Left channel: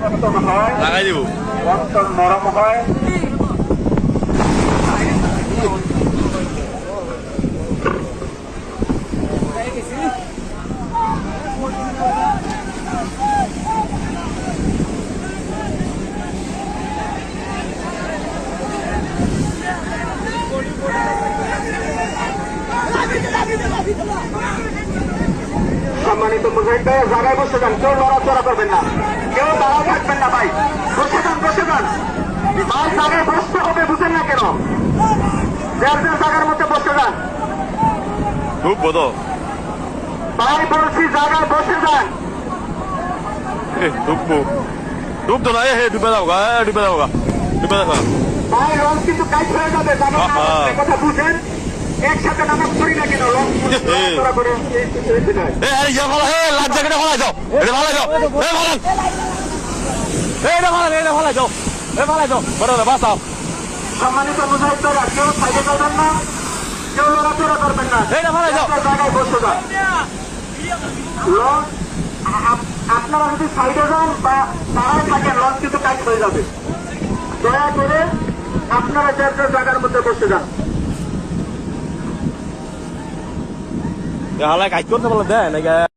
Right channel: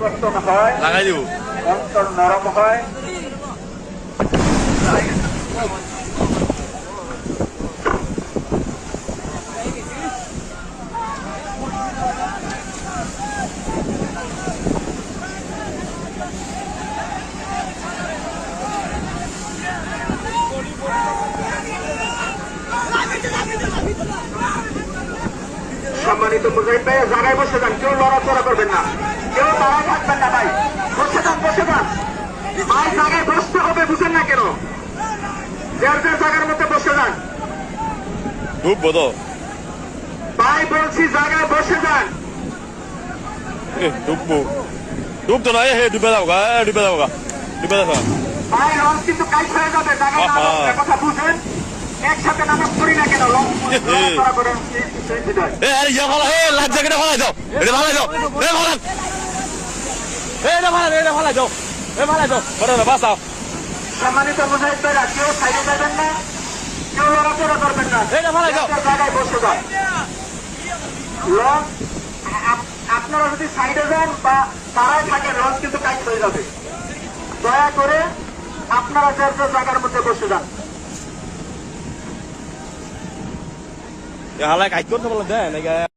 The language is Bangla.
পরিবর্তন হয়, লাগাই দিব অন্তর নরম হয়। সম্মানিত মুজাহিদ ভাই, জায়গায় বসে যান, কেউ লড়াচড়া করবেন না, কেউ দাঁড়ায় থাকবেন না ভাই, বসে যান বসে যান ভাই, জায়গায় বসতে হবে, বুঝেন না কেন? যার যার জায়গার মধ্যে বসে যান ঢুকবো তো ভাই, বলছি জায়গায় বসে যান। ঢুকবো ঢুকতো না হে ডুবে যাবো গা ডুবে যাবো গা ডুবে যাবো ভাই লঞ্চ কিন্তু কাজ হয়ে যাবে, জায়গায় কথা বুঝেন, একসাথে নামাজ পড়ি না কেন? লঞ্চ করে লাইফ জ্যাকেটে ফলাই যাও এটা ফলাই যাও এটা ফলাই যাও ফলাই যাও বড় বাঁচাও সম্মানিত মুজাহিদ ভাইরা, কেউ সাইডে যাবেন না, কেউ লড়াচড়া করবেন না, এটা ফলাই যাও জায়গায় বসে যান। লঞ্চ আপনারা যদি সাইডে যান বা তারাও থাকেন, লঞ্চ কিন্তু কাজ হয়ে যাবে। দয়া করে আপনারা যে জায়গার মধ্যে বসে যান। হালাই কাজ করতে বলে দেয় নাকি